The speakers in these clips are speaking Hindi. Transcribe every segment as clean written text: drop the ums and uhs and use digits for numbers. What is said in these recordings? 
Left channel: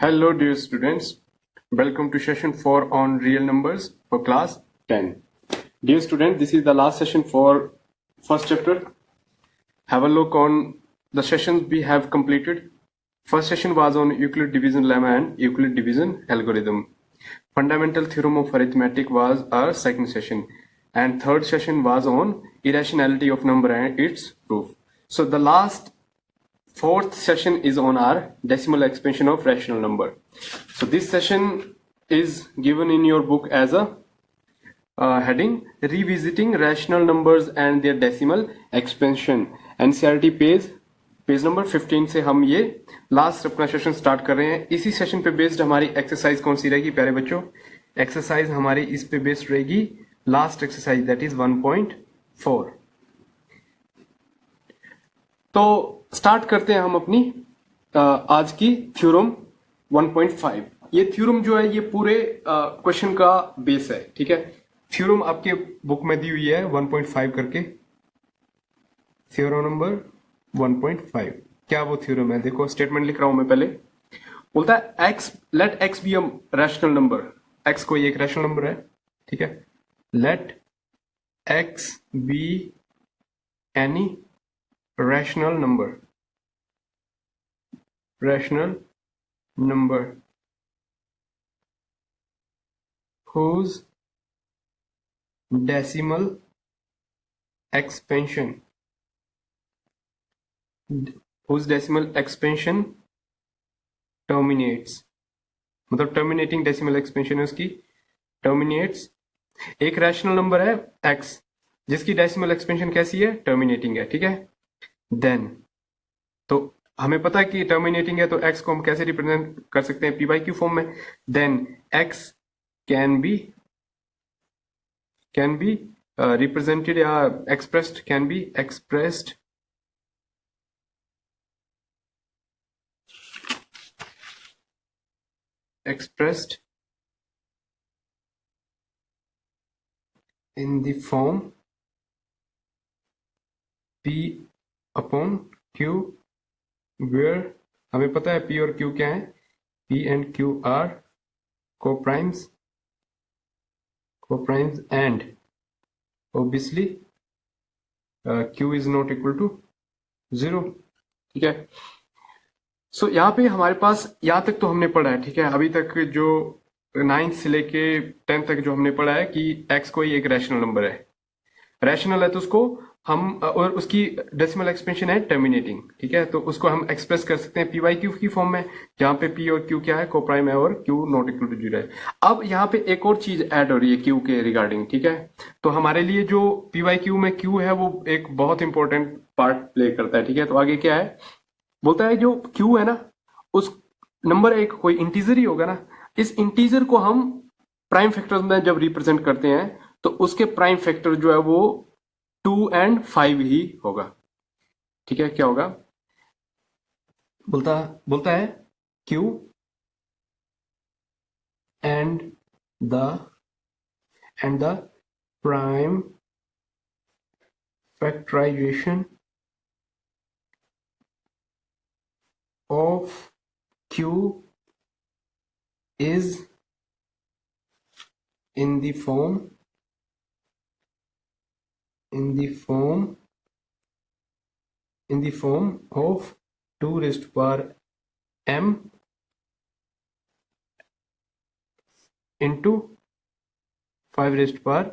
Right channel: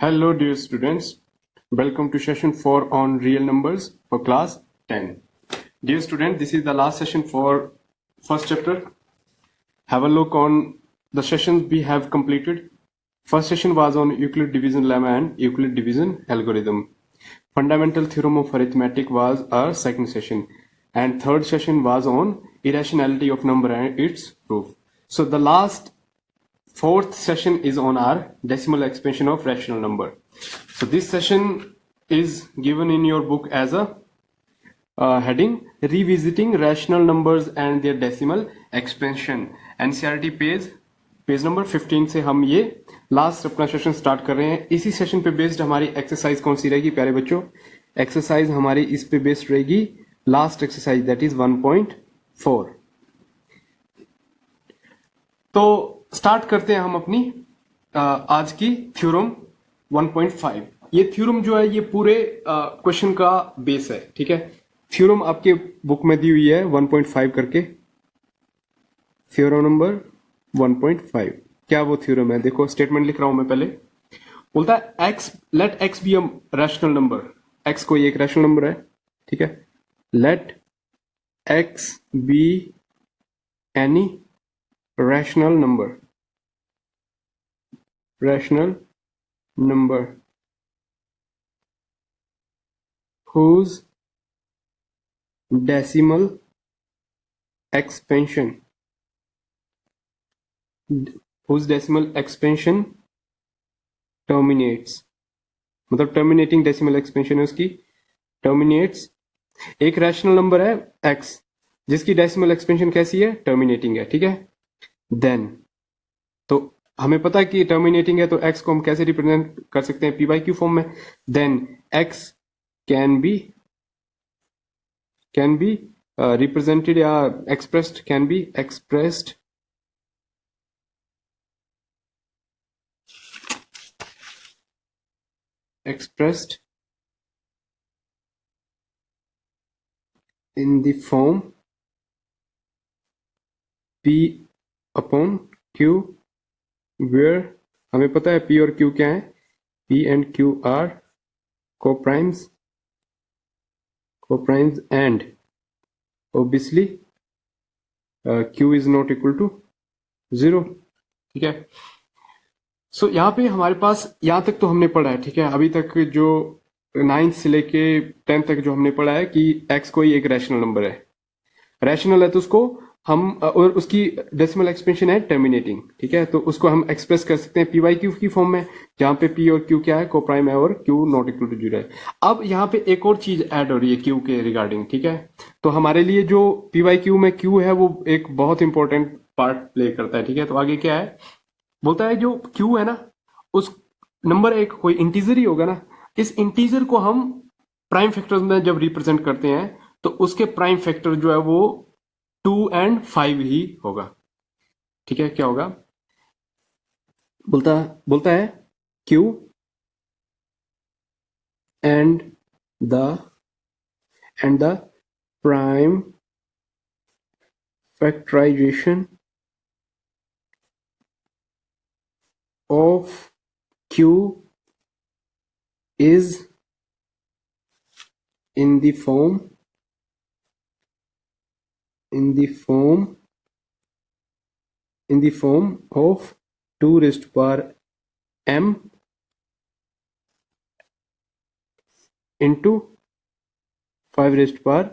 Hello dear students, welcome to session 4 on real numbers for class 10. Dear student, this is the last session for first chapter. Have a look on the sessions we have completed. First session was on Euclid division lemma and Euclid division algorithm. Fundamental theorem of arithmetic was our second session, and third session was on irrationality of number and its proof. So the last fourth session is on our decimal expansion of rational number. So this session is given in your book as a heading revisiting rational numbers and their decimal expansion. NCERT page number 15 से हम ये लास्ट अपना सेशन स्टार्ट कर रहे हैं. इसी सेशन पे बेस्ड हमारी एक्सरसाइज कौन सी रहेगी प्यारे बच्चों? एक्सरसाइज हमारी इस पे बेस्ड रहेगी लास्ट एक्सरसाइज, दैट इज 1.4. तो स्टार्ट करते हैं हम अपनी आज की थ्योरम 1.5. ये थ्योरम जो है ये पूरे क्वेश्चन का बेस है. ठीक है, थ्योरम आपके बुक में दी हुई है 1.5 करके. Theorem number 1.5. क्या वो थ्योरम है? देखो स्टेटमेंट लिख रहा हूं मैं. पहले बोलता है x, let x be a rational number. X कोई एक रैशनल नंबर है. ठीक है, let x be any rational number whose decimal expansion terminates, मतलब टर्मिनेटिंग डेसिमल एक्सपेंशन है उसकी, टर्मिनेट्स. एक रैशनल नंबर है x जिसकी डेसिमल एक्सपेंशन कैसी है? टर्मिनेटिंग है. ठीक है, देन तो हमें पता है कि टर्मिनेटिंग है तो x को हम कैसे रिप्रेजेंट कर सकते हैं? p/q फॉर्म में. Then x can be represented या expressed, can be expressed in the form p/q, where हमें पता है p और q क्या है? p and q are co-primes and obviously q is not equal to 0. ठीक है, सो यहाँ पे हमारे पास यहाँ तक तो हमने पढ़ा है. ठीक है, अभी तक जो 9th से लेके 10th तक जो हमने पढ़ा है कि x कोई एक रैशनल नंबर है. रैशनल है तो उसको हम, और उसकी डेसिमल एक्सपेंशन है टर्मिनेटिंग. ठीक है, तो उसको हम एक्सप्रेस कर सकते हैं p/q की फॉर्म में, जहां पे p और q क्या है? कोप्राइम है और q नॉट इक्वल टू 0 है. अब यहाँ पे एक और चीज ऐड हो रही है q के रिगार्डिंग. ठीक है, तो हमारे लिए जो p/q में q है वो एक बहुत इंपॉर्टेंट पार्ट प्ले करता है. ठीक है, तो आगे क्या है? बोलता है जो q है ना, उस नंबर एक कोई इंटीजर ही होगा ना. इस इंटीजर को हम प्राइम फैक्टर्स में जब रिप्रेजेंट करते हैं तो उसके प्राइम फैक्टर जो है वो 2 and 5 ही होगा. ठीक है, क्या होगा? बोलता है q and the prime factorization of q is in the form of 2 raised to power m into 5 raised to power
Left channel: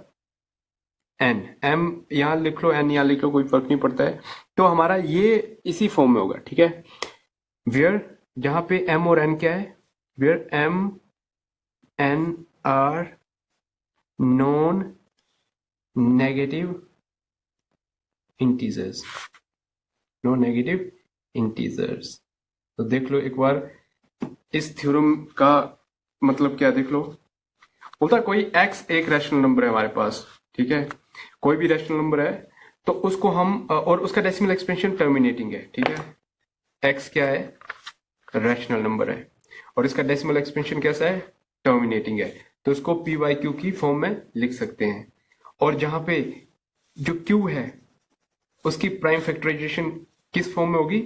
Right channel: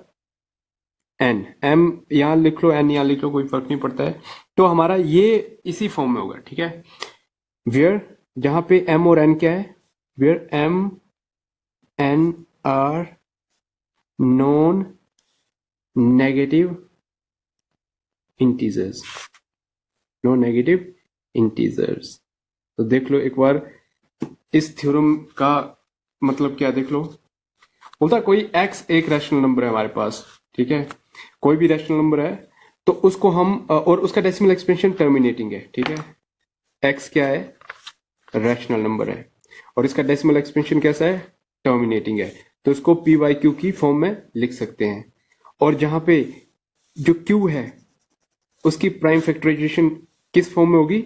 n. m यहां लिख लो, n यहां लिख लो, कोई फर्क नहीं पड़ता है. तो हमारा ये इसी फॉर्म में होगा. ठीक है, वेयर जहां पे m और n क्या है? Where m n are non negative integers. तो देख लो एक बार इस थ्योरम का मतलब क्या, देख लो. बोलता कोई x एक रैशनल नंबर है हमारे पास. ठीक है, कोई भी रैशनल नंबर है तो उसको हम, और उसका डेसिमल एक्सपेंशन टर्मिनेटिंग है. ठीक है, x क्या है? रैशनल नंबर है और इसका डेसिमल एक्सपेंशन कैसा है? टर्मिनेटिंग है. तो उसको p/q की फॉर्म में लिख सकते हैं. और जहां पे जो q है उसकी प्राइम फैक्टराइजेशन किस फॉर्म में होगी?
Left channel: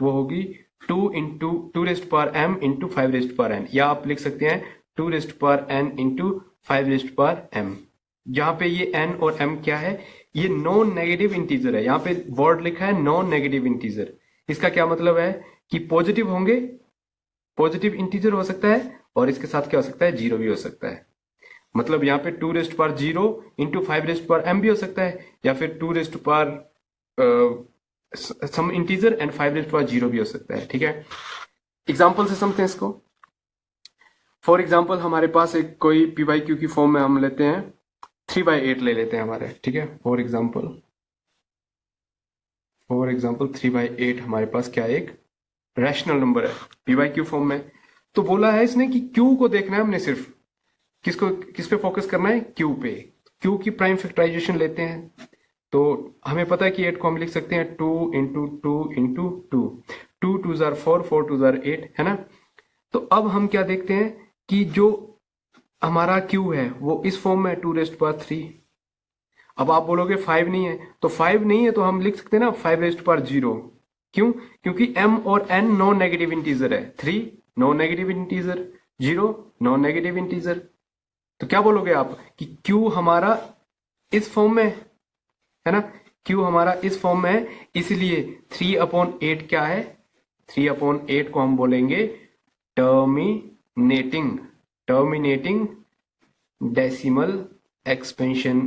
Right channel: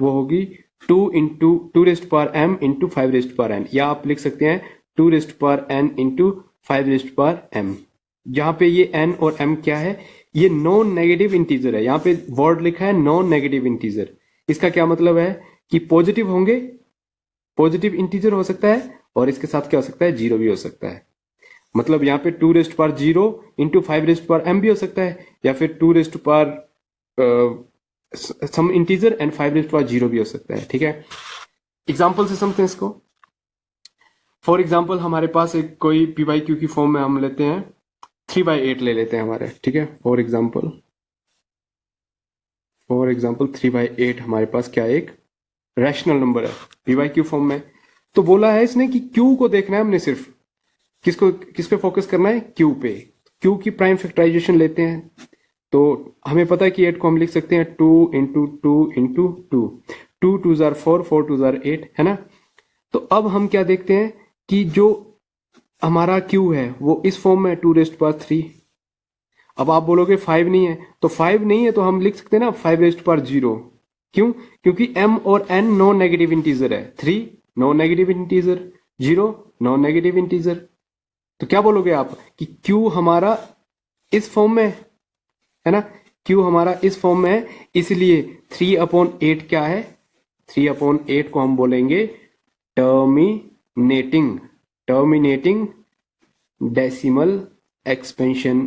वो होगी two raised power m into 5 raised power n, या आप लिख सकते हैं 2 raised power n into 5 raised power m। यहाँ पे ये n और m क्या है, ये नॉन नेगेटिव इंटीजर है। यहाँ पे वर्ड लिखा है नॉन नेगेटिव इंटीजर। इसका क्या मतलब है कि पॉजिटिव होंगे, पॉजिटिव इंटीजर हो सकता है, और इसके साथ क्या हो सकता है, जीरो भी हो सकता है। मतलब यहाँ पे 2 raised power 0 into 5 raised power m भी हो सकता है, या फिर 2 raised power some integer and 5 raised power 0 भी हो सकता है। ठीक है, एग्जाम्पल से समझते हैं इसको। फॉर एग्जाम्पल हमारे पास एक कोई पी बाई क्यू की फॉर्म में हम लेते हैं 3/8 ले लेते हैं हमारे। ठीक है, फॉर एग्जाम्पल 3/8 हमारे पास क्या है, एक रैशनल नंबर है पी बाई क्यू फॉर्म में। तो बोला है इसने कि क्यू को देखना है हमने, सिर्फ किस पे फोकस करना है, क्यू पे। क्यू की प्राइम फैक्टराइजेशन लेते हैं, तो हमें पता है कि 8 को हम लिख सकते हैं 2 इंटू 2 इंटू 2, 2 2 जार 4, 4 2 जार 8, है ना। तो अब हम क्या देखते हैं कि जो हमारा क्यू है वो इस फॉर्म में 2 रेस्ट पावर 3। अब आप बोलोगे 5 नहीं है, तो 5 नहीं है तो हम लिख सकते हैं ना 5 रेस्ट पावर 0। क्यों? क्योंकि m और n नॉन नेगेटिव इंटीजर है, 3 non negative integer, 0 non negative integer. तो क्या बोलोगे आप कि Q हमारा इस फॉर्म में है ना, Q हमारा इस फॉर्म में है, इसलिए 3/8 क्या है, 3/8 को हम बोलेंगे टर्मिनेटिंग डेसिमल एक्सपेंशन,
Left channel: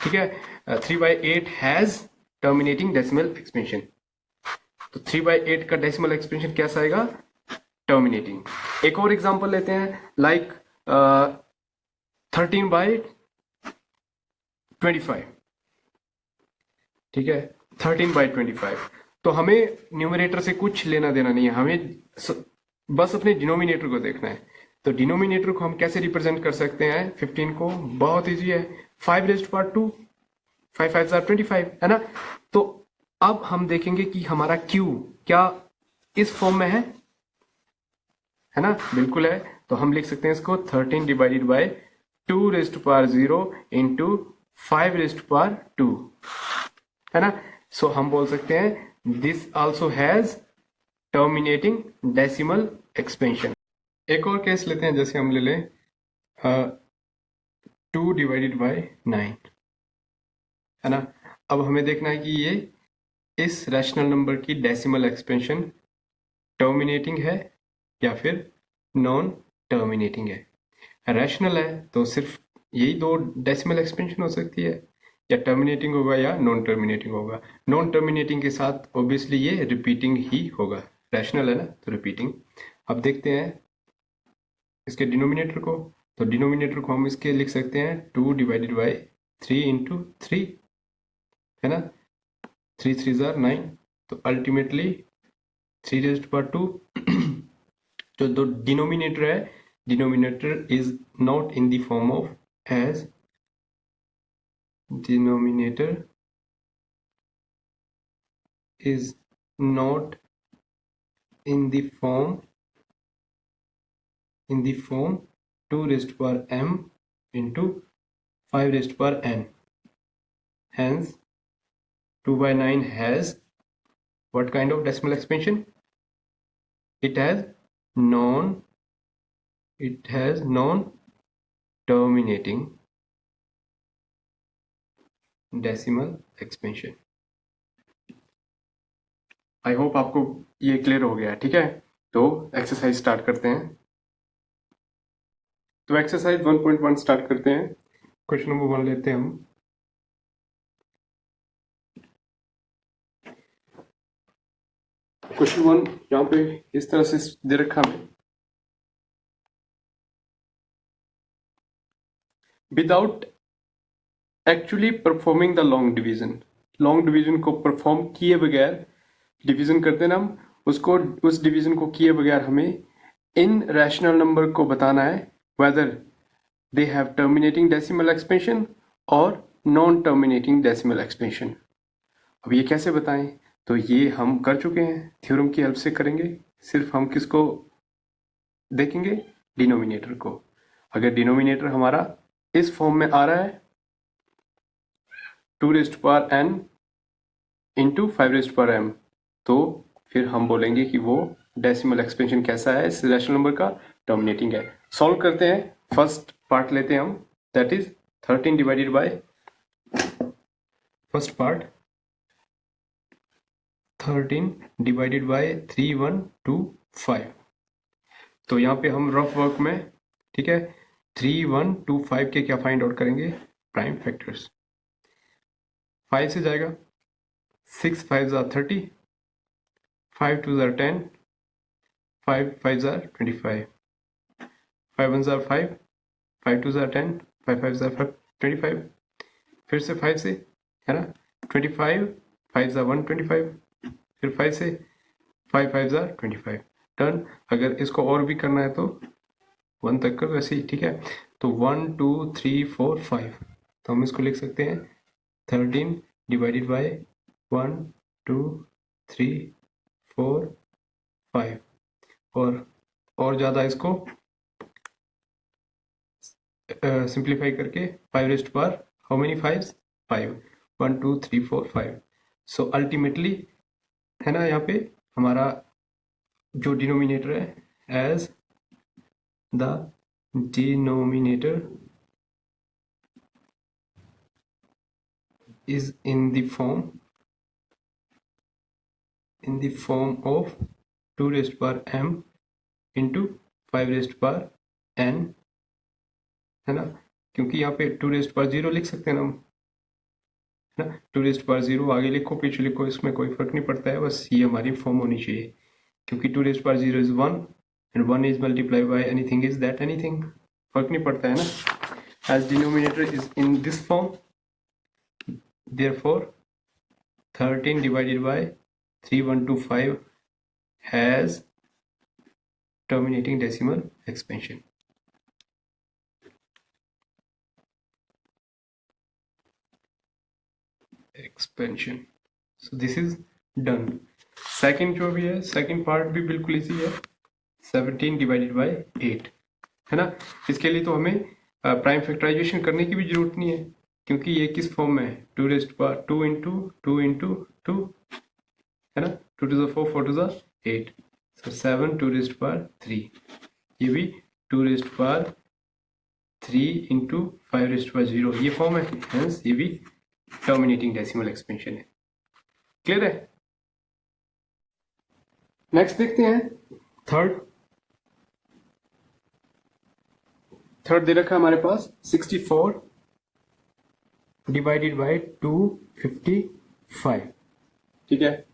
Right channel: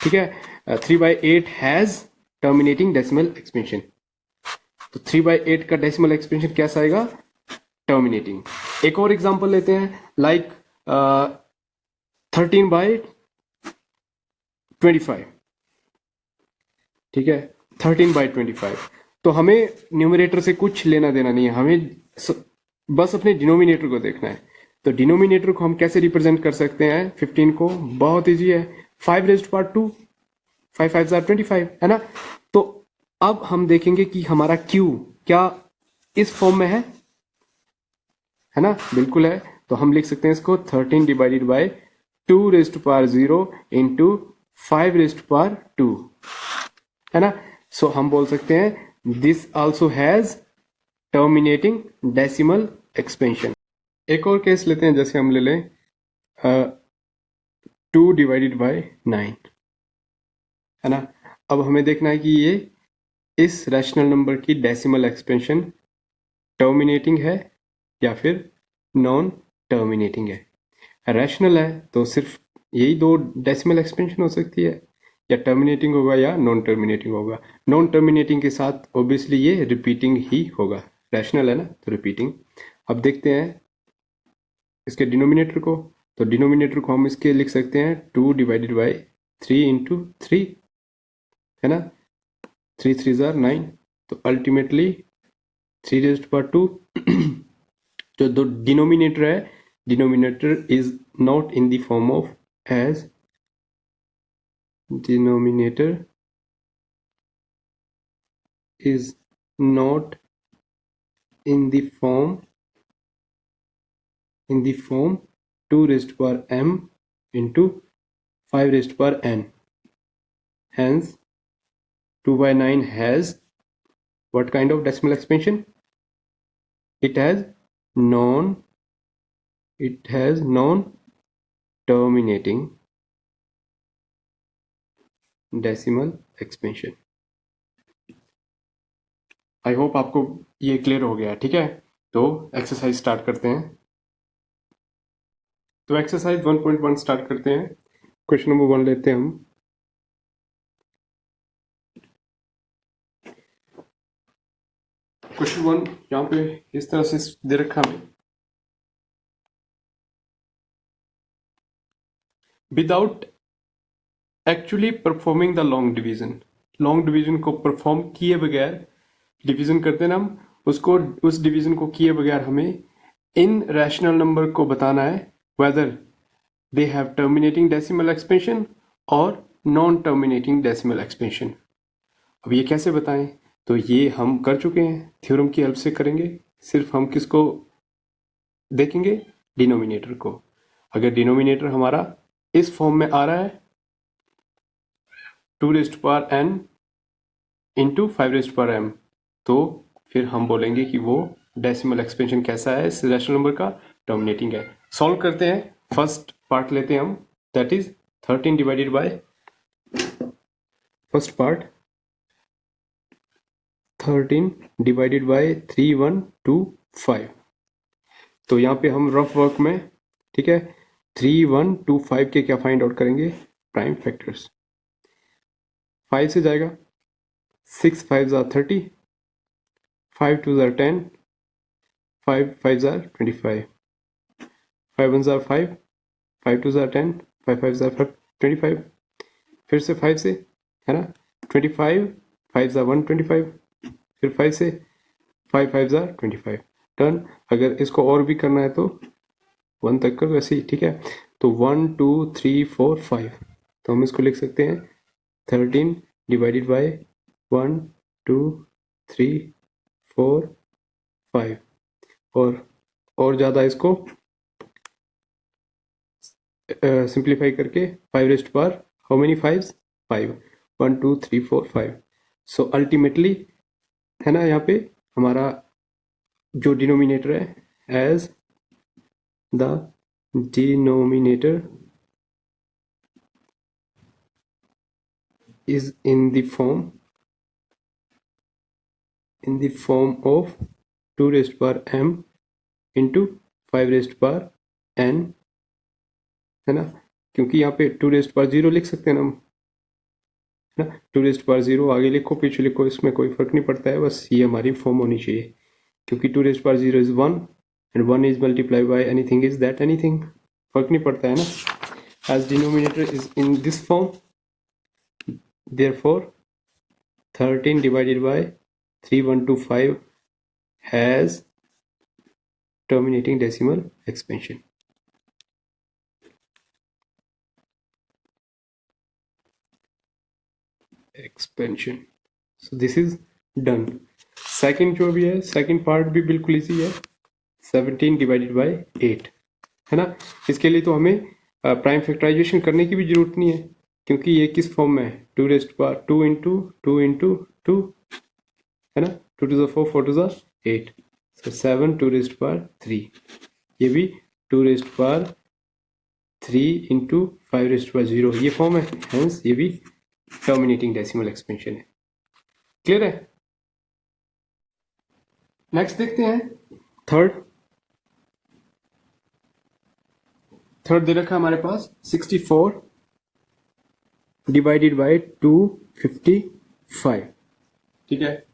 ठीक है। 3/8 हैज टर्मिनेटिंग डेसिमल एक्सपेंशन। तो 3/8 का डेसिमल एक्सपेंशन कैसा आएगा, टर्मिनेटिंग। एक और एग्जांपल लेते हैं, लाइक 13/25। ठीक है, 13/25। तो हमें न्यूमरेटर से कुछ लेना देना नहीं है, हमें बस अपने डिनोमिनेटर को देखना है। तो डिनोमिनेटर को हम कैसे रिप्रेजेंट कर सकते हैं 15 को, बहुत इजी है, 5 रेज्ड पावर 2, 5 5 जार 25, है ना। तो अब हम देखेंगे कि हमारा Q क्या इस फॉर्म में है ना, बिल्कुल है। तो हम लिख सकते हैं इसको 13 divided by 2 raised power 0 into 5 raised power 2, है ना। सो हम बोल सकते हैं this also has terminating decimal expansion. एक और केस लेते हैं, जैसे हम ले लें 2 डिवाइडेड बाय 9, है ना। अब हमें देखना है कि ये इस रैशनल नंबर की डेसिमल एक्सपेंशन टर्मिनेटिंग है या फिर नॉन टर्मिनेटिंग है। रैशनल है तो सिर्फ यही दो डेसिमल एक्सपेंशन हो सकती है, या टर्मिनेटिंग होगा या नॉन टर्मिनेटिंग होगा। नॉन टर्मिनेटिंग के साथ ऑब्वियसली ये रिपीटिंग ही होगा, रैशनल है ना, तो रिपीटिंग। अब देखते हैं इसके डिनोमिनेटर को। तो डिनोमिनेटर को हम इसके लिख सकते हैं 2 डिवाइडेड बाय 3 इंटू 3, है ना, 3 3 जार 9। तो अल्टीमेटली 3 रेज्ड पावर 2 जो दो डिनोमिनेटर है, denominator is not in the form of as, denominator is not in the form 2 raised to power m into 5 raised to power n. Hence 2/9 has what kind of decimal expansion? It has non-terminating decimal expansion. I hope आपको ये क्लियर हो गया, ठीक है। तो एक्सरसाइज स्टार्ट करते हैं। तो एक्सरसाइज 1.1 स्टार्ट करते हैं। क्वेश्चन नंबर 1 लेते हैं हम। क्वेश्चन 1 यहाँ पे इस तरह से दे रखा है, without actually performing the long division को परफॉर्म किए बगैर, डिवीजन करते हैं ना हम उसको, उस डिवीजन को किए बगैर हमें इन रैशनल नंबर को बताना है whether they have terminating decimal expansion और नॉन टर्मिनेटिंग डेसिमल एक्सपेंशन। अब ये कैसे बताएं, तो ये हम कर चुके हैं, थ्योरम की हेल्प से करेंगे। सिर्फ हम किसको देखेंगे, डिनोमिनेटर को। अगर डिनोमिनेटर हमारा इस फॉर्म में आ रहा है 2 raised power n into 5 raised power m, तो फिर हम बोलेंगे कि वो डेसिमल एक्सपेंशन कैसा है, इस रैशनल नंबर का डोमिनेटिंग है। सॉल्व करते हैं, फर्स्ट पार्ट लेते हैं हम, that is 13 divided by first part 13 divided by 3125। तो यहाँ पे हम रफ वर्क में, ठीक है, 3125 के क्या फाइंड आउट करेंगे, प्राइम फैक्टर्स। 5 से जाएगा, 6 5 30, 5 2 10, 5 5 25, 5 1 5, 5 2 10, 5 5 25, फिर से 5 से, है ना, 25, 5 125, फिर 5 से, 5 5 25, टर्न। अगर इसको और भी करना है तो 1 तक कर, वैसे ही, ठीक है। तो 1 2 3 4 5, तो हम इसको लिख सकते हैं 13 डिवाइडेड बाय 1 2 3 4 5, और ज़्यादा इसको सिंप्लीफाई करके 5 raised power, how many 5, 5, 1 2 3 4 5। So ultimately, है ना, यहाँ पे हमारा जो डिनोमिनेटर है, as the denominator is in the form of 2 raised power m into 5 raised power n, है ना, क्योंकि यहाँ पे 2 raised power 0 लिख सकते हैं हम, है ना, 2 raised power 0 आगे लिखो पीछे लिखो, इसमें कोई फर्क नहीं पड़ता है, बस ये हमारी फॉर्म होनी चाहिए, क्योंकि 2 raised power 0 is 1 and 1 is multiplied by anything is that anything, फर्क नहीं पड़ता है ना। as denominator is in this form, therefore 13 divided by 3125 has terminating decimal expansion. So this is done. Second जो भी है, सेकंड पार्ट भी बिल्कुल इजी है, 17 डिवाइडेड बाय 8, है ना। इसके लिए तो हमें प्राइम फैक्टराइजेशन करने की भी जरूरत नहीं है, क्योंकि ये किस फॉर्म में है, 2 रेस्ट पावर 2 इंटू 2 इंटू 2, है ना, 2 to the 4 4 to the 8, so 7 2 raised power 3, ये भी 2 raised power 3 into 5 raised power 0, ये फॉर्म है, हेंस ये भी टर्मिनेटिंग डेसिमल एक्सपेंशन है। क्लियर है। नेक्स्ट देखते हैं थर्ड दे रखा है हमारे पास 64 डिवाइडेड बाय 255, ठीक है।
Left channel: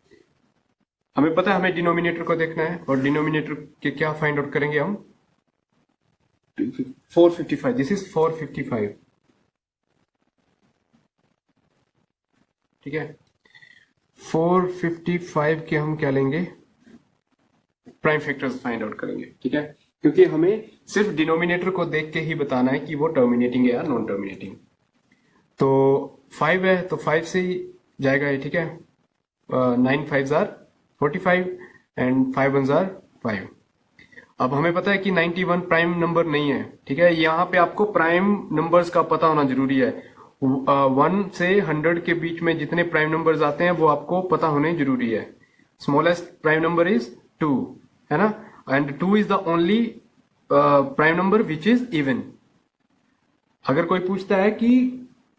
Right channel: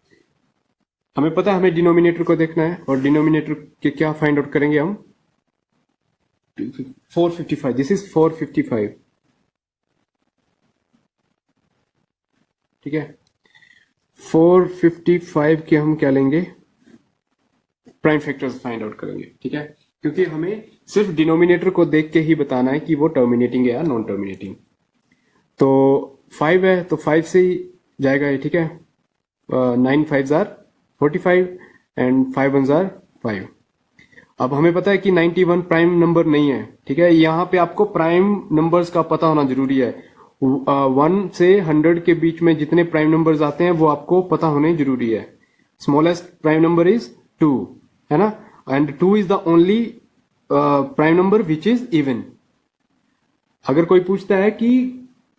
हमें पता है हमें डिनोमिनेटर को देखना है, और डिनोमिनेटर के क्या फाइंड आउट करेंगे हम, 455, दिस इज 455, ठीक है। 455 के हम क्या लेंगे, प्राइम फैक्टर्स फाइंड आउट करेंगे, ठीक है, क्योंकि हमें सिर्फ डिनोमिनेटर को देख के ही बताना है कि वो टर्मिनेटिंग है या नॉन टर्मिनेटिंग। तो 5 है तो 5 से ही जाएगा ये, ठीक है, 9 5 45 एंड 5 1 5। अब हमें पता है कि 91 प्राइम नंबर नहीं है, ठीक है, यहाँ पे आपको प्राइम नंबर्स का पता होना जरूरी है। 1 से 100 के बीच में जितने प्राइम नंबर्स आते हैं वो आपको पता होने जरूरी है। स्मॉलेस्ट प्राइम नंबर इज 2, है ना, and 2 is the only prime number which is even. अगर कोई पूछता है कि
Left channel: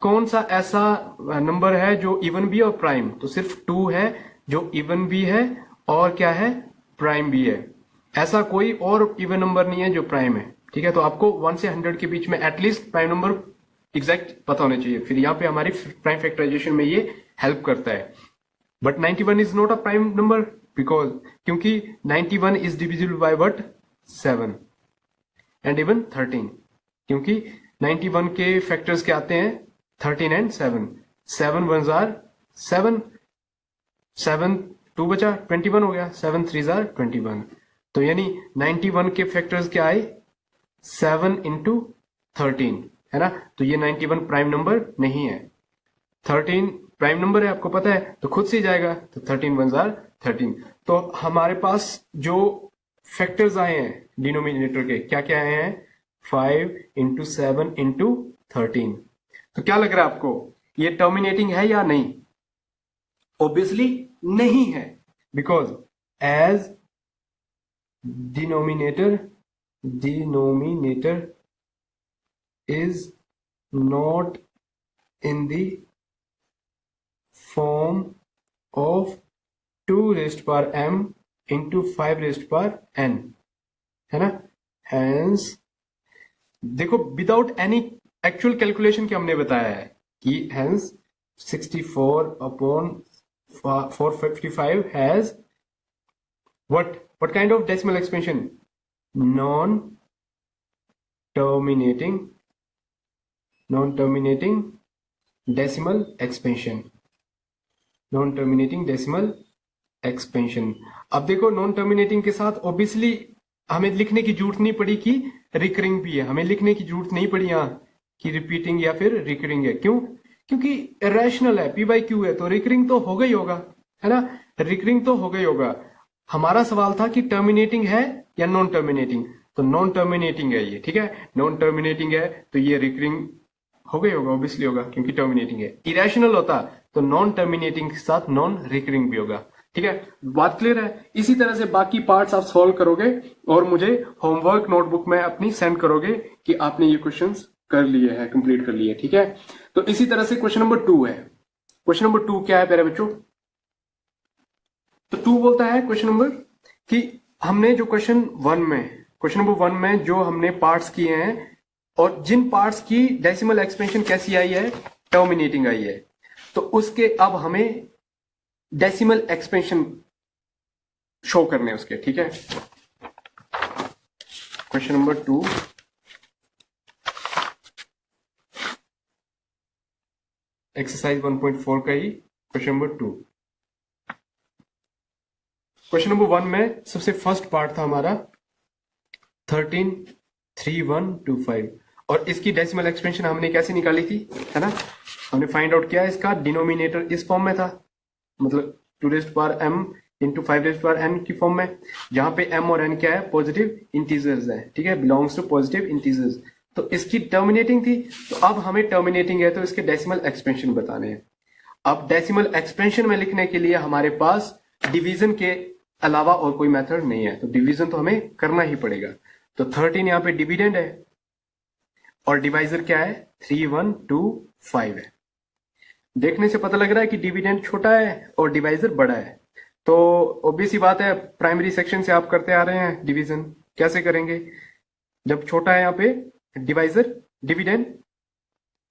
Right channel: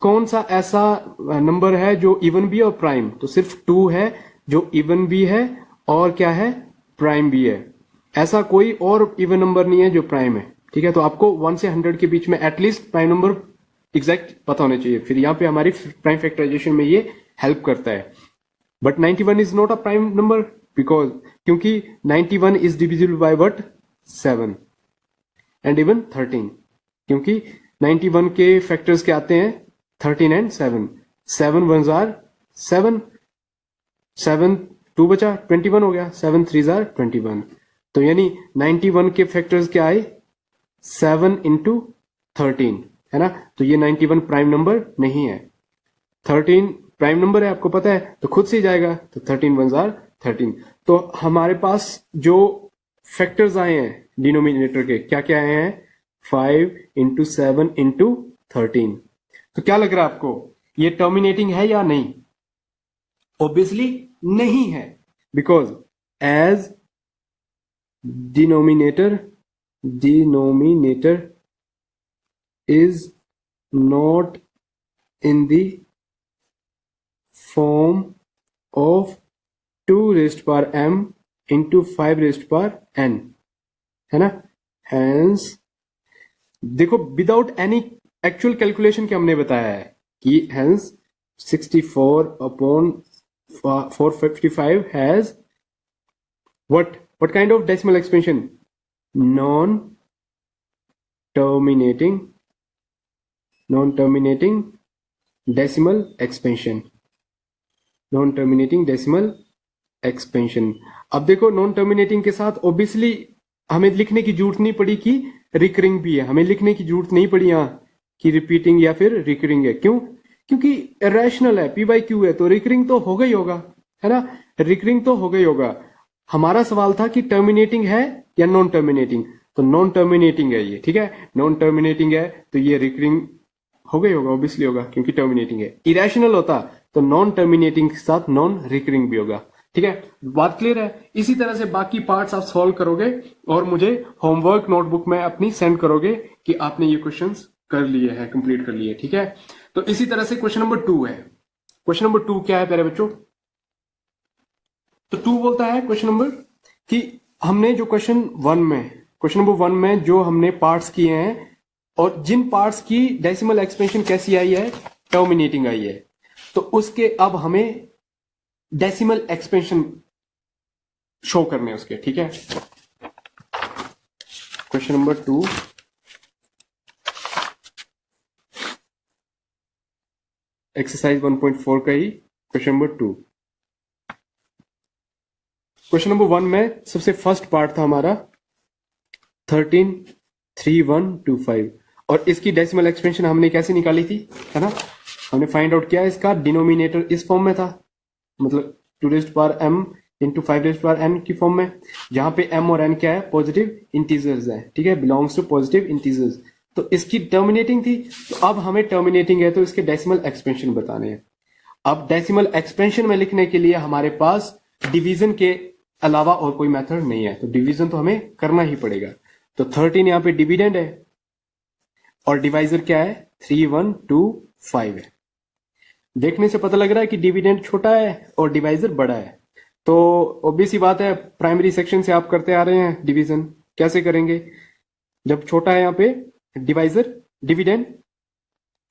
कौन सा ऐसा नंबर है जो इवन भी है और प्राइम, तो सिर्फ 2 है जो इवन भी है और क्या है, प्राइम भी है। ऐसा कोई और इवन नंबर नहीं है जो प्राइम है, ठीक है। तो आपको 1 से 100 के बीच में एटलीस्ट प्राइम नंबर एग्जैक्ट पता होने चाहिए, फिर यहाँ पे हमारी प्राइम फैक्टराइजेशन में ये हेल्प करता है। But 91 is not a prime number, because क्योंकि 91 is divisible by what, 7 and even 13, क्योंकि 91 के फैक्टर्स क्या आते हैं, 13 एंड 7, 7 1 7, 7 2 बचा 21 हो गया, 7 3 21, तो यानी 91 के फैक्टर्स क्या आए, 7 इंटू 13, है ना। तो ये 91 प्राइम नंबर नहीं है, 13 प्राइम नंबर है, आपको पता है, तो खुद से ही जाएगा, तो 13 1 13। तो हमारे पास जो फैक्टर्स आए हैं डिनोमिनेटर के, क्या क्या आए हैं, 5 इंटू 7 इंटू 13। तो क्या लग रहा है आपको, ये टर्मिनेटिंग है या नहीं? ऑब्वियसली नहीं है, because as denominator is not in the form of 2 raised power m into 5 raised power n, है ना? Hence देखो विदाउट एनी एक्चुअल कैलकुलेशन के हमने बताया है कि hence 64 upon 455 has what kind of decimal expansion? non terminating decimal expansion. अब देखो नॉन टर्मिनेटिंग के साथ ऑब्वियसली हमें लिखने की जरूरत नहीं पड़ी कि रिकरिंग भी है, हमें लिखने की जरूरत नहीं पड़ी यहाँ कि रिपीटिंग या फिर रिकरिंग है। क्यों? क्योंकि रैशनल है, पी बाई क्यू है, तो रिकरिंग तो होगा ही होगा, है ना? रिकरिंग तो होगा ही होगा। हमारा सवाल था कि टर्मिनेटिंग है या नॉन टर्मिनेटिंग, तो नॉन टर्मिनेटिंग है ये, ठीक है? नॉन टर्मिनेटिंग है तो ये रिकरिंग हो गई होगा, ऑब्वियसली होगा क्योंकि टर्मिनेटिंग है। इरेशनल होता तो नॉन टर्मिनेटिंग के साथ नॉन रिकरिंग भी होगा, ठीक है? बात क्लियर है? इसी तरह से बाकी पार्ट्स आप सॉल्व करोगे और मुझे होमवर्क नोटबुक में अपनी सेंड करोगे कि आपने ये क्वेश्चंस कर लिए हैं, कंप्लीट कर लिए, ठीक है? तो इसी तरह से क्वेश्चन नंबर 2 है। क्वेश्चन नंबर 2 क्या है प्यारे बच्चों? तो 2 बोलता है क्वेश्चन नंबर कि हमने जो क्वेश्चन नंबर 1 में जो हमने पार्ट्स किए हैं और जिन पार्ट्स की डेसिमल एक्सपेंशन कैसी आई है? टर्मिनेटिंग आई है। तो उसके अब हमें डेसिमल एक्सपेंशन शो करने हैं उसके, ठीक है? क्वेश्चन नंबर 2 एक्सरसाइज 1.4 का ही क्वेश्चन नंबर 2। क्वेश्चन नंबर 1 में सबसे फर्स्ट पार्ट था हमारा 133125 और इसकी डेसिमल एक्सपेंशन हमने कैसे निकाली थी, है ना? हमने फाइंड आउट किया इसका डिनोमिनेटर इस फॉर्म में था, मतलब 2 raised power m into 5 raised power n की फॉर्म में, जहां पे m और n क्या है? पॉजिटिव इंटीजर्स है, ठीक है? Belongs to positive integers. तो इसकी टर्मिनेटिंग थी, तो अब हमें टर्मिनेटिंग है तो इसके डेसिमल एक्सपेंशन बताने हैं। अब डेसिमल एक्सपेंशन में लिखने के लिए हमारे पास डिवीजन के अलावा और कोई मेथड नहीं है, तो डिवीजन तो हमें करना ही पड़ेगा। तो 13 यहाँ पे डिविडेंड है और डिवाइजर क्या है? 3125 है। देखने से पता लग रहा है कि डिविडेंड छोटा है और डिवाइजर बड़ा है, तो ऑब्वियस ही बात है प्राइमरी सेक्शन से आप करते आ रहे हैं डिवीजन। कैसे करेंगे? जब छोटा है यहाँ पे डिवाइजर डिविडेंड,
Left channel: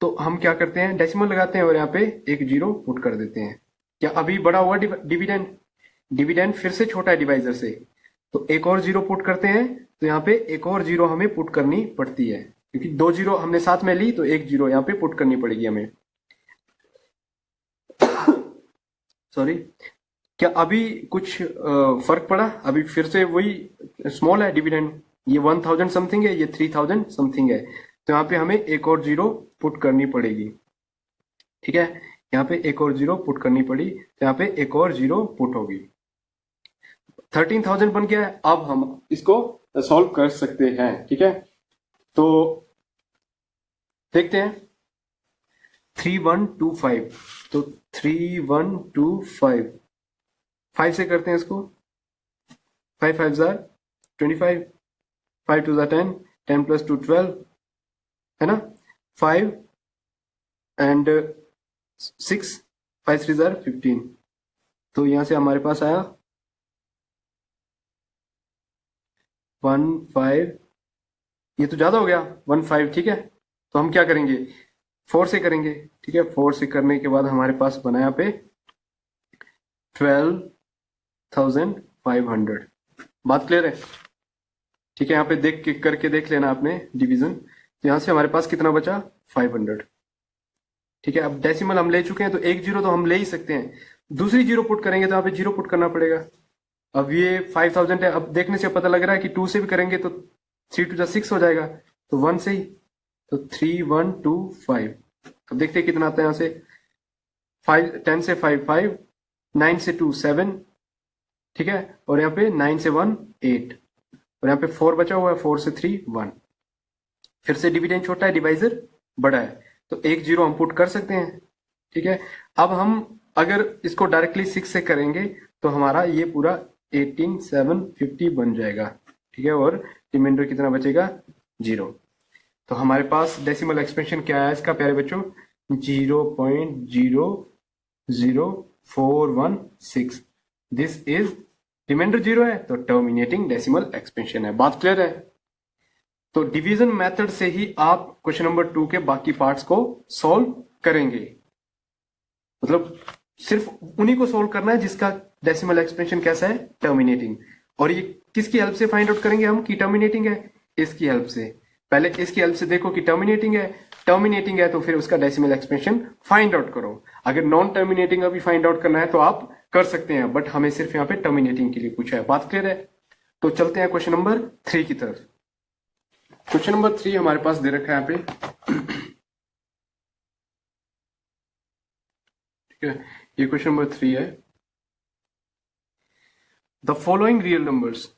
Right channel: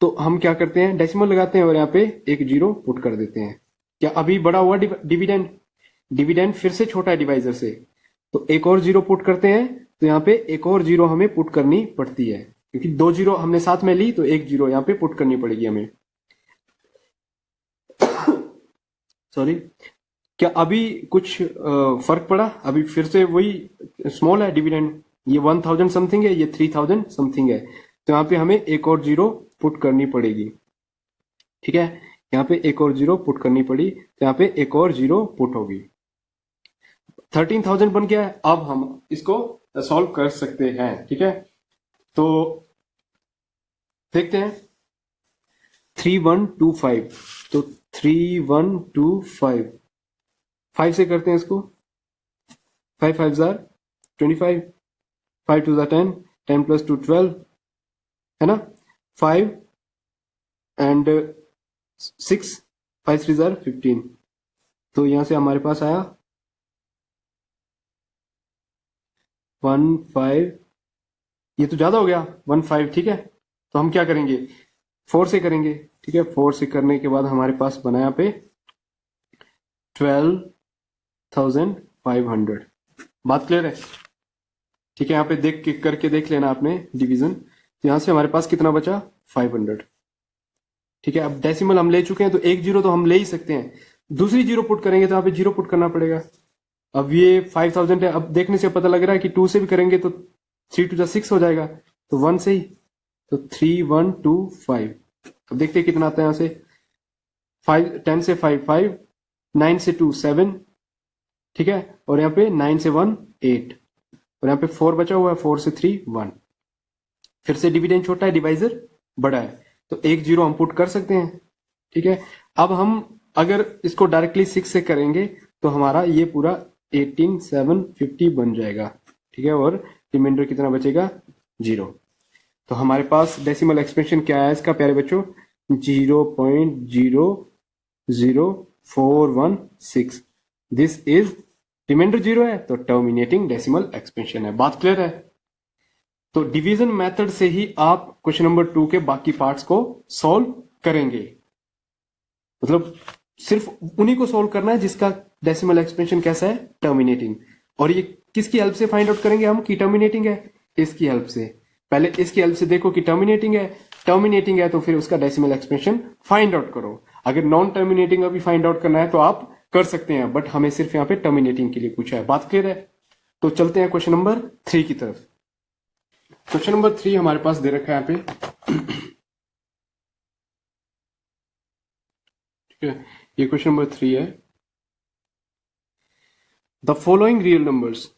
तो हम क्या करते हैं? डेसिमल लगाते हैं और यहाँ पे एक 0 पुट कर देते हैं। क्या अभी बड़ा हुआ डिविडेंड? डिविडेंड फिर से छोटा है डिवाइजर से, तो एक और 0 पुट करते हैं, तो यहाँ पे एक और 0 हमें पुट करनी पड़ती है क्योंकि 2 0 हमने साथ में ली, तो एक 0 यहाँ पे पुट करनी पड़ेगी हमें। सॉरी, क्या अभी कुछ फर्क पड़ा? अभी फिर से वही स्मॉल है डिविडेंड, ये 1000 समथिंग है, ये 3000 समथिंग है, तो यहाँ पे हमें एक और 0 पुट करनी पड़ेगी, ठीक है? यहाँ पे एक और 0 पुट करनी पड़ी, तो यहाँ पे एक और 0 पुट होगी। 13,000 बन गया है। अब हम इसको सॉल्व कर सकते हैं, ठीक है? तो देखते हैं 3125, तो 3125 5 से करते हैं इसको। 5 5 जार 25, 5 2 जार 10, 10 प्लस 2 12, है ना? 5 एंड 6, 5 3 जार 15, तो यहां से हमारे पास आया 15, ये तो ज्यादा हो गया 15, ठीक है? तो हम क्या करेंगे? 4 से करेंगे, ठीक है? 4 से करने के बाद हमारे पास बना यहाँ पे 12,500। बात क्लियर है? ठीक है? यहाँ पे देख के करके देख लेना आपने डिवीजन। तो यहाँ से हमारे पास कितना बचा? 500, ठीक है? अब डेसिमल हम ले चुके हैं, तो एक 0 तो हम ले ही सकते हैं, दूसरी 0 पुट करेंगे तो यहाँ पे 0 पुट करना पड़ेगा। अब ये 5000 है, अब देखने से पता लग रहा है कि 2 से भी करेंगे तो 3 2 6 हो जाएगा, तो 1 से ही, तो 3125। अब देखते हैं कितना आता है यहाँ से। 10 से 5 5, 9 से 2 7, ठीक है? और यहाँ पे 9 से 1 8, और यहाँ पे 4 बचा हुआ है, 4 से 3 1। फिर से डिविडेंड छोटा है, डिवाइजर बड़ा है, तो एक 0 हम पुट कर सकते हैं, ठीक है। अब हम अगर इसको डायरेक्टली 6 से करेंगे तो हमारा ये पूरा 18750 बन जाएगा, ठीक है, और रिमाइंडर कितना बचेगा, 0। तो हमारे पास डेसिमल एक्सपेंशन क्या है इसका प्यारे बच्चों, 0.00416। दिस इज रिमाइंडर 0 है तो टर्मिनेटिंग डेसिमल एक्सपेंशन है। बात क्लियर है? तो डिवीजन मेथड से ही आप क्वेश्चन नंबर 2 के बाकी पार्ट्स को सॉल्व करेंगे। मतलब सिर्फ उन्हीं को सॉल्व करना है जिसका डेसिमल एक्सपेंशन कैसा है, टर्मिनेटिंग। और ये किसकी हेल्प से फाइंड आउट करेंगे हम कि टर्मिनेटिंग है, इसकी हेल्प से। पहले इसकी हेल्प से देखो कि टर्मिनेटिंग है तो फिर उसका डेसिमल एक्सपेंशन फाइंड आउट करो। अगर नॉन टर्मिनेटिंग अभी फाइंड आउट करना है तो आप कर सकते हैं, बट हमें सिर्फ यहाँ पे टर्मिनेटिंग के लिए पूछा है। बात क्लियर है? तो चलते हैं क्वेश्चन नंबर 3 की तरफ। क्वेश्चन नंबर 3 हमारे पास दे रखा है यहाँ पे, ठीक है। ये क्वेश्चन नंबर 3 है। द फॉलोइंग रियल नंबर्स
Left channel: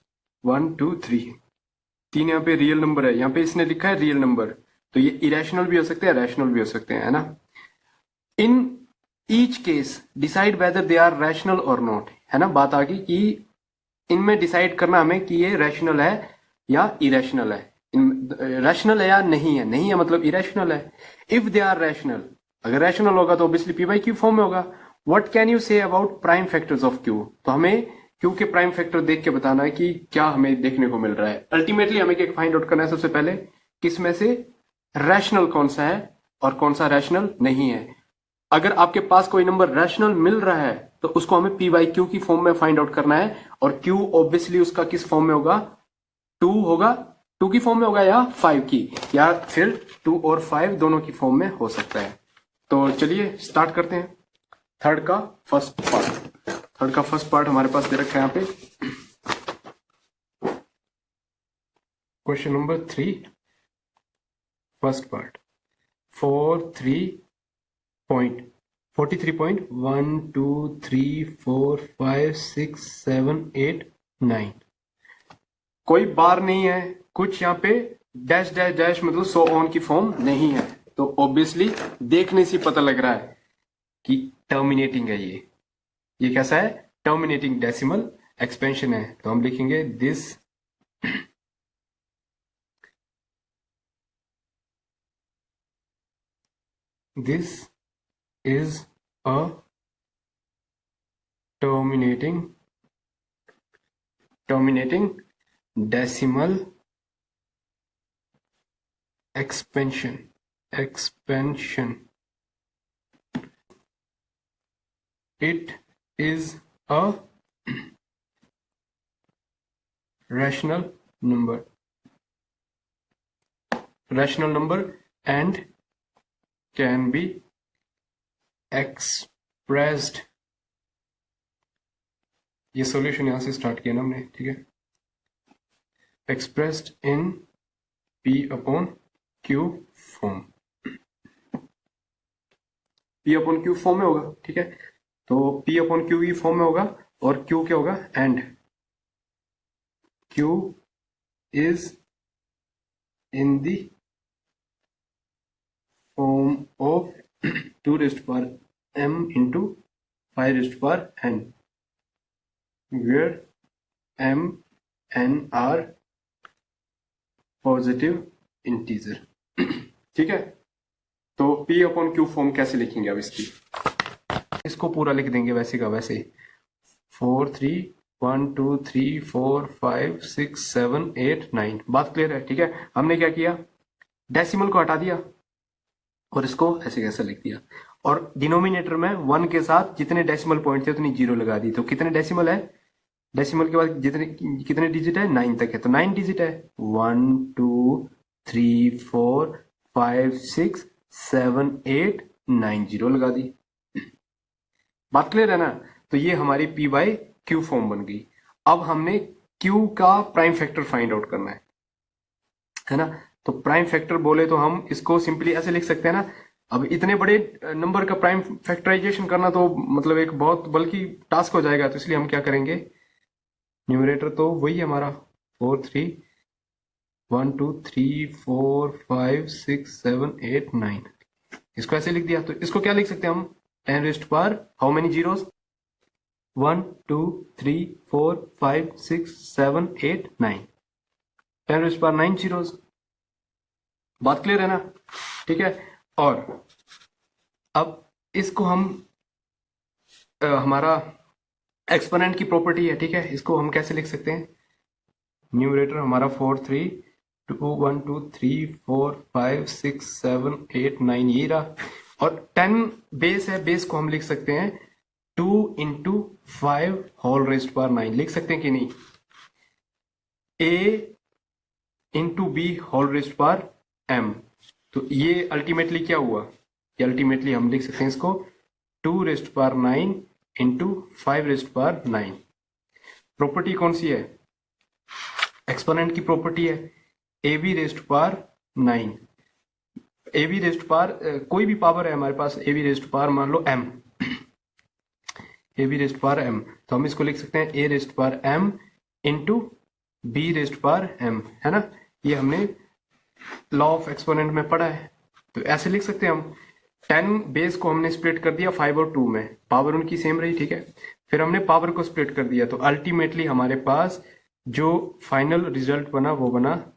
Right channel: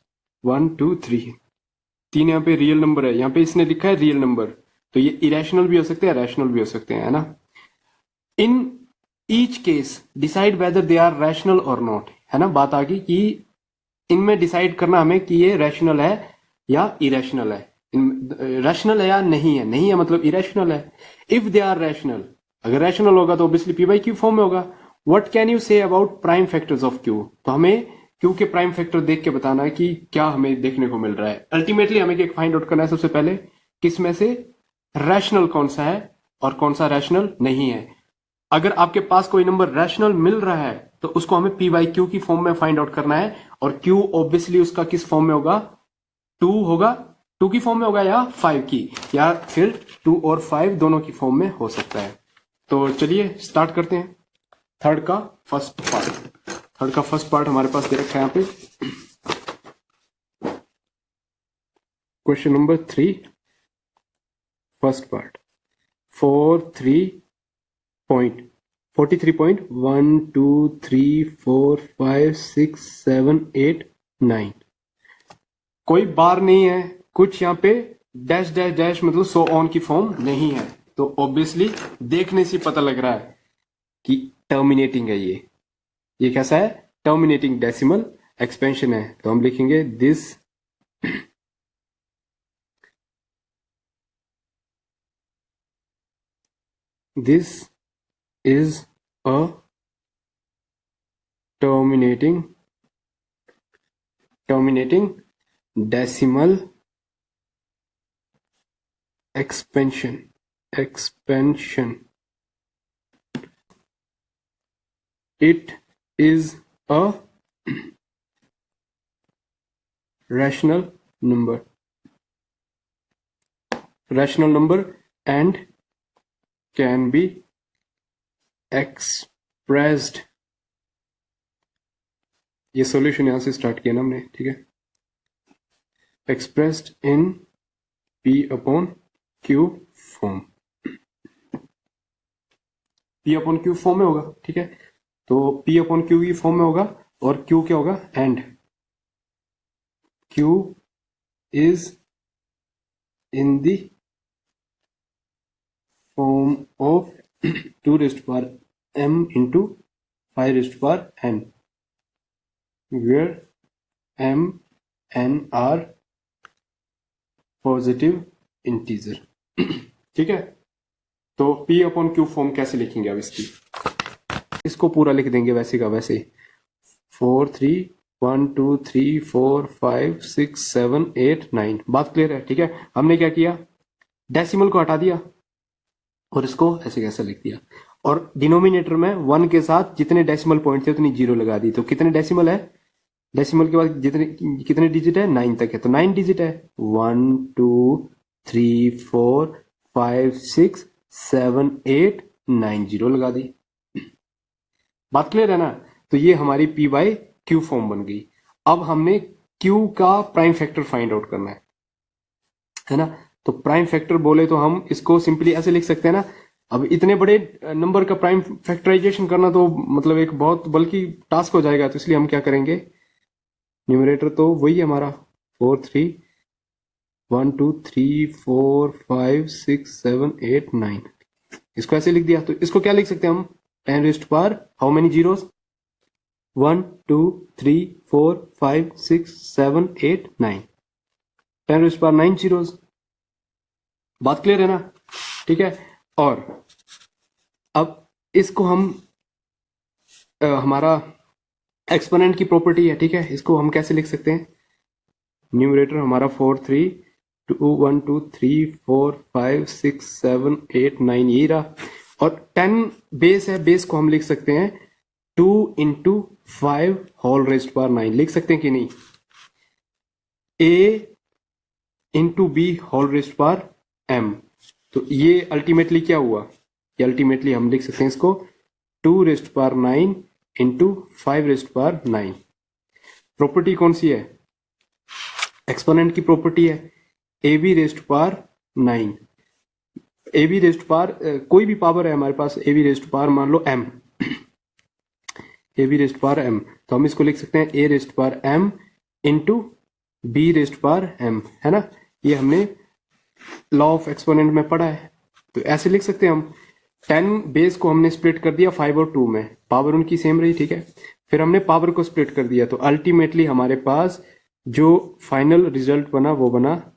1 2 3, 3 यहाँ पे रियल नंबर है, यहाँ पे इसने लिखा है रियल नंबर, तो ये इरेशनल भी हो सकते हैं, रैशनल भी हो सकते हैं, है ना। In each case decide whether they are rational और नॉट, है ना। बात आ गई कि इनमें डिसाइड करना हमें कि ये रैशनल है या इरेशनल है, रैशनल है या नहीं है, नहीं है मतलब इरेशनल है। इफ दे आर रैशनल, अगर रैशनल होगा तो obviously P by Q form में होगा। What can you say about prime factors of Q, तो हमें क्यू के प्राइम फैक्टर देख के बताना है कि क्या हमें देखने को मिल रहा है। अल्टीमेटली हमें क्या फाइंड आउट करना है, सबसे पहले किसमें से रैशनल कौन सा है और कौन सा रैशनल नहीं है। अगर आपके पास कोई नंबर रैशनल मिल रहा है तो उसको हमें पी बाई क्यू की फॉर्म में फाइंड आउट करना है, और क्यू ऑब्वियसली उसका किस फॉर्म में होगा, 2 होगा, 2 की फॉर्म में होगा या 5 की, या फिर 2 और 5 दोनों की फॉर्म में हो सकता है। तो चलिए स्टार्ट करते हैं। थर्ड का फर्स्ट पार्ट हमारे पास दे रखा है यहाँ पे, क्वेश्चन नंबर 3 फर्स्ट पार्ट 43.123456789। कोई बार नहीं है, कुछ यहाँ पे डैश डैश डैश मतलब सो ऑन की फॉर्म नहीं है, तो ऑब्वियसली देखने से पता लग रहा है कि टर्मिनेटिंग है। ये कैसा है, टर्मिनेटिंग डेसिमल एक्सपेंशन है। तो हम लिखेंगे this is a terminating decimal expansion it is a rational number and can be expressed, ये सॉल्यूशन यहां से स्टार्ट किया ना हमने, ठीक है, expressed in P upon Q form, P upon Q form में होगा, ठीक है। तो P upon Q की फॉर्म में होगा, और Q क्या होगा, and Q is in the form of 2 raised to power m into 5 raised to power n, where m n are positive integer, ठीक है। तो P अपॉन Q फॉर्म कैसे लिखेंगे अब इसकी, इसको पूरा लिख देंगे वैसे का वैसे, 4 3 1 2 3 4 5 6 7 8 9। बात क्लियर है, ठीक है। हमने क्या किया, डेसिमल को हटा दिया और इसको ऐसे कैसे लिख दिया, और डिनोमिनेटर में 1 के साथ जितने डेसिमल पॉइंट थे उतनी 0 लगा दी। तो कितने डेसिमल है, डेसिमल के बाद कितने डिजिट है, 9 तक है, तो 9 डिजिट है, 1 2 3 4 5 6 7 8 9 0 लगा दी। बात क्लियर है ना। तो ये हमारी P बाई क्यू फॉर्म बन गई। अब हमने Q का प्राइम फैक्टर फाइंड आउट करना है ना। तो प्राइम फैक्टर बोले तो हम इसको सिंपली ऐसे लिख सकते हैं ना। अब इतने बड़े नंबर का प्राइम फैक्टराइजेशन करना तो मतलब एक बहुत बल्कि टास्क हो जाएगा, तो इसलिए हम क्या करेंगे, न्यूमरेटर तो वही है हमारा 4 3 1 2 3 4 5 6 7 8 9, इसको ऐसे लिख दिया। तो इसको क्या लिख सकते हैं हम, 10 rest power how many zeros 1 2 3 4 5 6 7 8 9 10 rest power 9 zeros. बात क्लियर है ना? ठीक है। और अब इसको हम हमारा एक्सपोनेंट की प्रॉपर्टी है, ठीक है, इसको हम कैसे लिख सकते हैं? न्यूमरेटर हमारा 4 3 2 1 2 3 4 5 6 7 8 9 ये रहा, और 10 बेस है, बेस को हम लिख सकते हैं 2 इंटू 5 होल रेस्ट पावर 9 लिख सकते हैं कि नहीं? a into b whole raised power m, तो ये अल्टीमेटली क्या हुआ? ये अल्टीमेटली हम लिख सकते हैं इसको 2 raised power 9 into 5 raised power 9। Property कौन सी है? एक्सपोनेंट की प्रॉपर्टी है a b raised power 9। A b raised power कोई भी पावर है हमारे पास, ए बी रेस्ट पावर मान लो m, a b raised power m, तो हम इसको लिख सकते हैं a raised power m into b raised power m, है ना? ये हमने लॉ ऑफ एक्सपोनेंट में पढ़ा है, तो ऐसे लिख सकते हैं हम। 10 बेस को हमने स्प्लिट कर दिया 5 और 2 में, पावर उनकी सेम रही, ठीक है। फिर हमने पावर को स्प्लिट कर दिया, तो अल्टीमेटली हमारे पास जो फाइनल रिजल्ट बना वो बना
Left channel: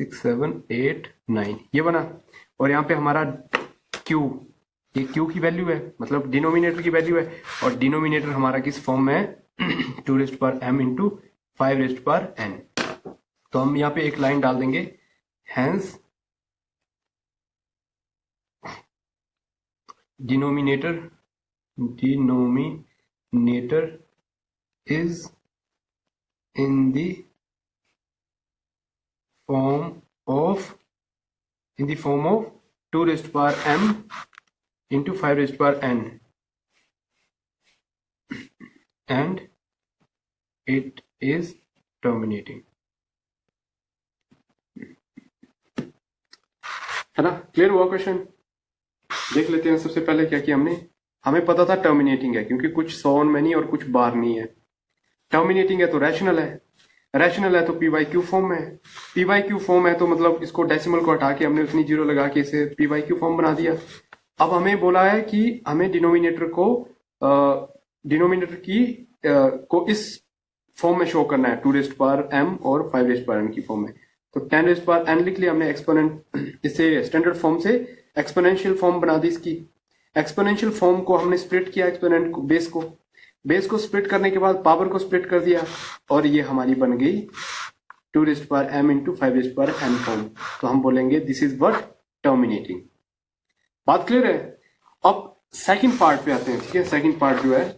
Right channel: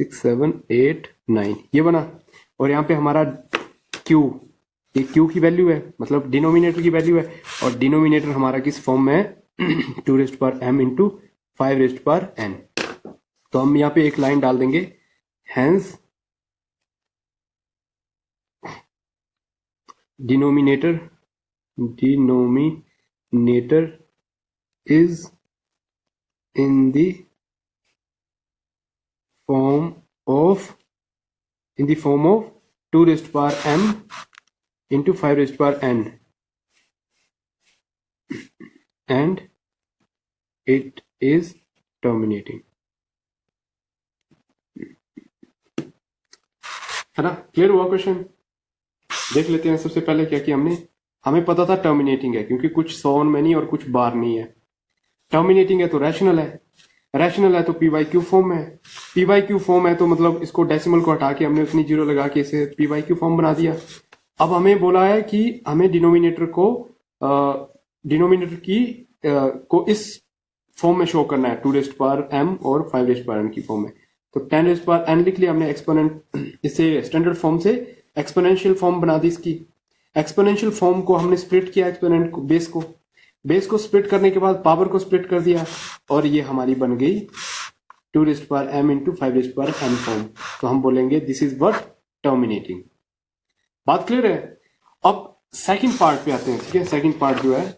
6 7 8 9 ये बना। और यहाँ पे हमारा Q, ये Q की वैल्यू है, मतलब डिनोमिनेटर की वैल्यू है, और डिनोमिनेटर हमारा किस फॉर्म में है 2 raised power m into 5 raised power n। तो हम यहाँ पे एक लाइन डाल देंगे, hence denominator is in the form of 2 raised power m into 5 raised power n, and it is terminating, है ना? क्लियर हुआ क्वेश्चन? देख लेते हैं सबसे पहले क्या किया हमने। हमें पता था टर्मिनेटिंग है, क्योंकि कुछ सो ऑन में नहीं और कुछ बार नहीं है। टर्मिनेटिंग है तो रैशनल है, रैशनल है तो पी वाई क्यू फॉर्म है, पी वाई क्यू फॉर्म है तो मतलब इसको डेसिमल को हटा के हमने उतनी जीरो लगा के इसे पी वाई क्यू फॉर्म बना दिया। अब हमें बोला है कि हमें डिनोमिनेटर को इस फॉर्म में शो करना है, 2 रेस्ट पावर m और 5 रेस्ट पावर n की फॉर्म में। तो 10 रेस्ट पावर n लिख लिया हमने एक्सपोनेंट, इसे स्टैंडर्ड फॉर्म से एक्सपोनेंशियल फॉर्म बना दी इसकी। एक्सपोनेंशियल फॉर्म को हमने स्प्लिट किया, एक्सपोनेंट को, बेस को स्प्लिट करने के बाद पावर को स्प्लिट कर दिया, और ये हमारी बन गई 2 raised power m into 5 raised power n form. तो हम बोलेंगे दिस इज व्हाट? टर्मिनेटिंग। बात क्लियर है? अब सेकंड पार्ट पे आते हैं, ठीक है। सेकंड पार्ट जो है,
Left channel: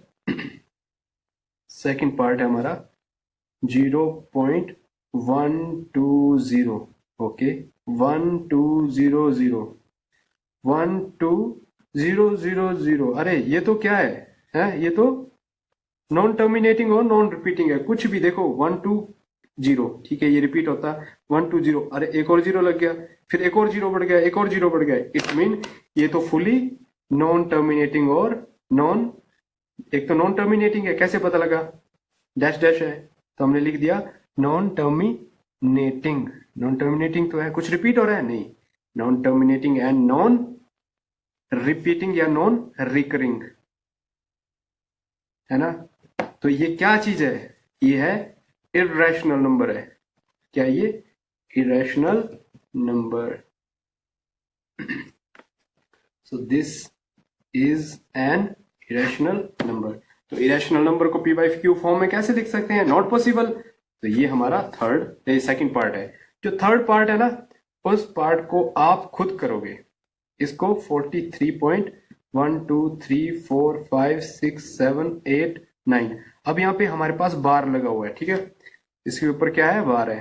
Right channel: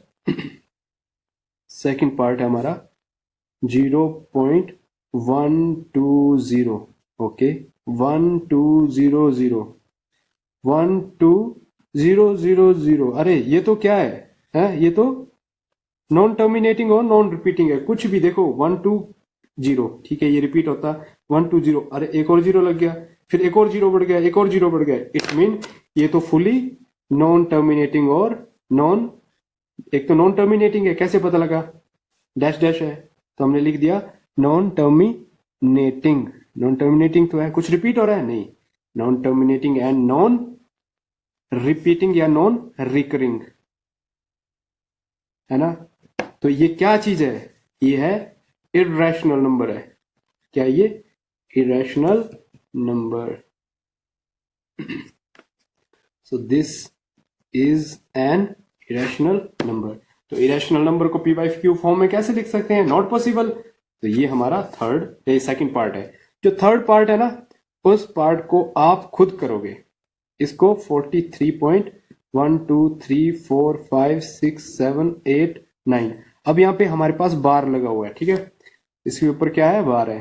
सेकंड पार्ट है हमारा 0.120, ओके, 1200 12000। अरे ये तो क्या है? ये तो नॉन टर्मिनेटिंग और नॉन रिपीटिंग है, कुछ भी देखो 120, ठीक है, ये रिपीट होता 120। अरे एक और जीरो लग गया, फिर एक और जीरो बढ़ गया, एक और जीरो बढ़ गया, इट मीन ये तो फुली नॉन टर्मिनेटिंग और नॉन, एक तो नॉन टर्मिनेटिंग है, कैसे पता लगा? डैश डैश है तो हमने लिख दिया नॉन टर्मिनेटिंग। नॉन टर्मिनेटिंग तो है, कुछ रिपीट हो रहा है? नहीं, non terminating and non repeating या नॉन रिकरिंग, है ना? तो ये क्या चीज है? ये है इर्रेशनल नंबर है। क्या ये? Irrational number. So this is an irrational number. तो इरेशनल नंबर को पी बाई क्यू फॉर्म में कैसे लिख सकते हैं? Not possible. तो ये हमारा सेकंड पार्ट है। जो थर्ड पार्ट है ना, उस पार्ट को आप खुद करोगे। इसको 43.123456789। अब यहाँ पे हमारे पास बार लगा हुआ है, ठीक है, इसके ऊपर क्या है? बार है।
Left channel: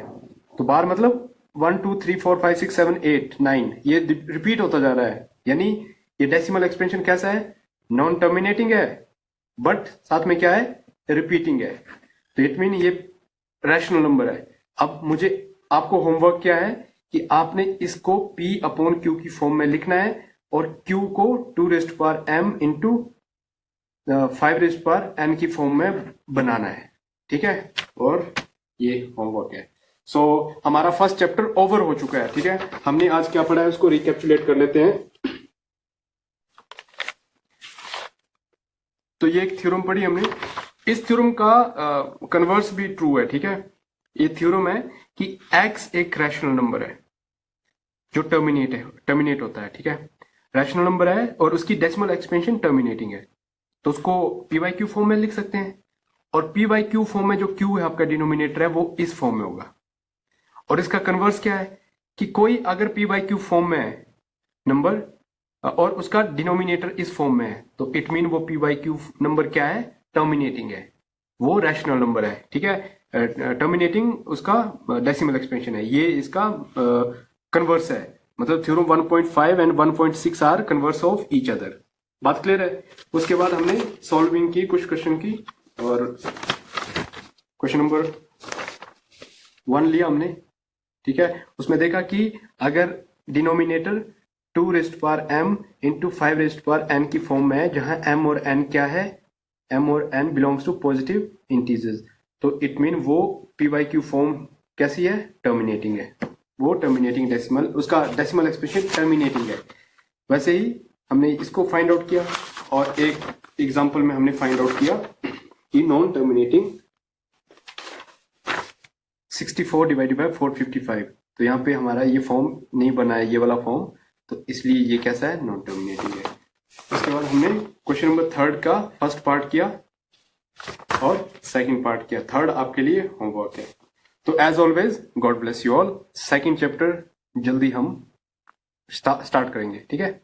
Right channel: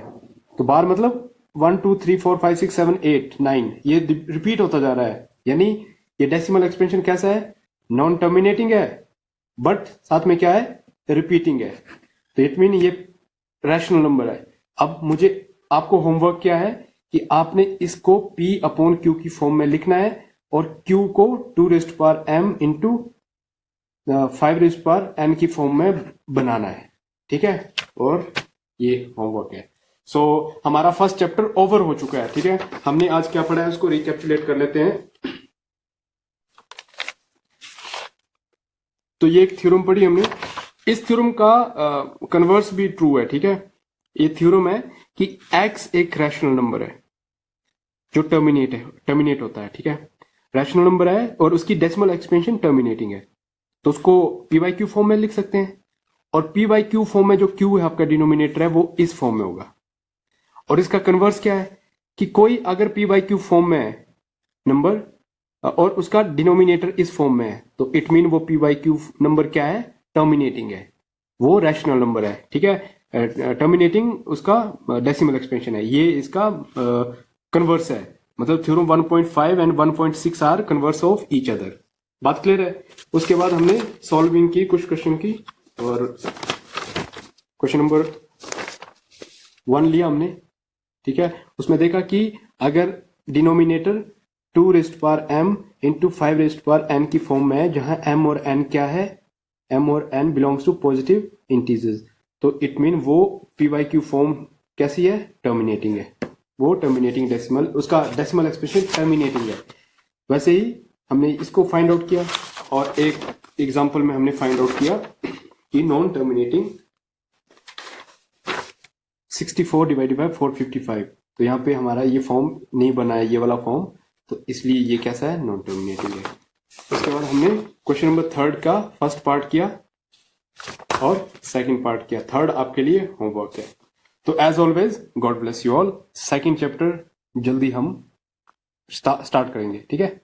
तो बार मतलब 1 2 3 4 5 6 7 8 9 ये रिपीट होता जा रहा है, यानी ये डेसिमल एक्सपेंशन कैसा है? नॉन टर्मिनेटिंग है, बट साथ में क्या है? रिपीटिंग है। तो इट मीन ये रैशनल नंबर है। अब मुझे आपको होमवर्क क्या है कि आपने इसको P अपॉन Q की फॉर्म में लिखना है, और Q को 2 raised power m into 5 raised power n की फॉर्म में बनाना है, ठीक है। और ये होमवर्क है। सो हमारा फर्स्ट चैप्टर ओवर हो चुका है, ठीक है। हमने आज क्या पढ़ा है उसको रिकैप्चुलेट कर लेते हैं। तो ये एक थ्योरम पढ़ी हमने। इस थ्योरम का कन्वर्स भी ट्रू है, ठीक है। ये थ्योरम है कि x एक रैशनल नंबर है जो टर्मिनेट होता है, ठीक है। रैशनल नंबर है और उसकी डेसिमल एक्सपेंशन टर्मिनेटिंग है, तो उसको पी बाई क्यू फॉर्म में लिख सकते हैं। और पी बाई क्यू फॉर्म में जो क्यू है आपका डिनोमिनेटर है वो इस फॉर्म में होगा। और इसका कन्वर्स क्या है कि कोई अगर पी बाई क्यू फॉर्म में है नंबर और उसका डिनोमिनेटर इस फॉर्म में है, तो इट मीन वो पी बाई क्यू नंबर क्या है, टर्मिनेटिंग है, वो रैशनल नंबर है, ठीक है। टर्मिनेटिंग उसका डेसिमल एक्सपेंशन है, ये इसका कन्वर्स है। मतलब theorem 1.5 and 1.6 are converse of each other. बात क्लियर है। उसके बाद हमने सॉल्विंग की कुछ क्वेश्चन की, और क्वेश्चन नंबर 1 लिया हमने, ठीक है। उसमें देखा कि अगर denominator 2 raised power m into 5 raised power n की फॉर्म में है, जहां m और n क्या है, m और n belongs to positive integers, तो इट मीन वो पी बाई क्यू फॉर्म कैसी है, टर्मिनेटिंग है। वो टर्मिनेटिंग डेसिमल, उसका डेसिमल एक्सप्रेशन टर्मिनेटिंग है। वैसे ही हमने इसको फाइंड आउट किया, और एक एग्जांपल में हमने फाइंड आउट किया कि नॉन टर्मिनेटिंग 64 डिवाइडेड बाय 455। तो यहाँ पे हमारा ये फॉर्म नहीं बना है, ये वाला फॉर्म, तो इसलिए ये कैसा है, नॉन टर्मिनेटिंग है। उसके बाद हमने क्वेश्चन नंबर 3 का फर्स्ट पार्ट किया और सेकंड पार्ट किया। थर्ड आपके लिए होमवर्क है। तो as always God bless you all. Second chapter जल्दी हम स्टार्ट करेंगे, ठीक है।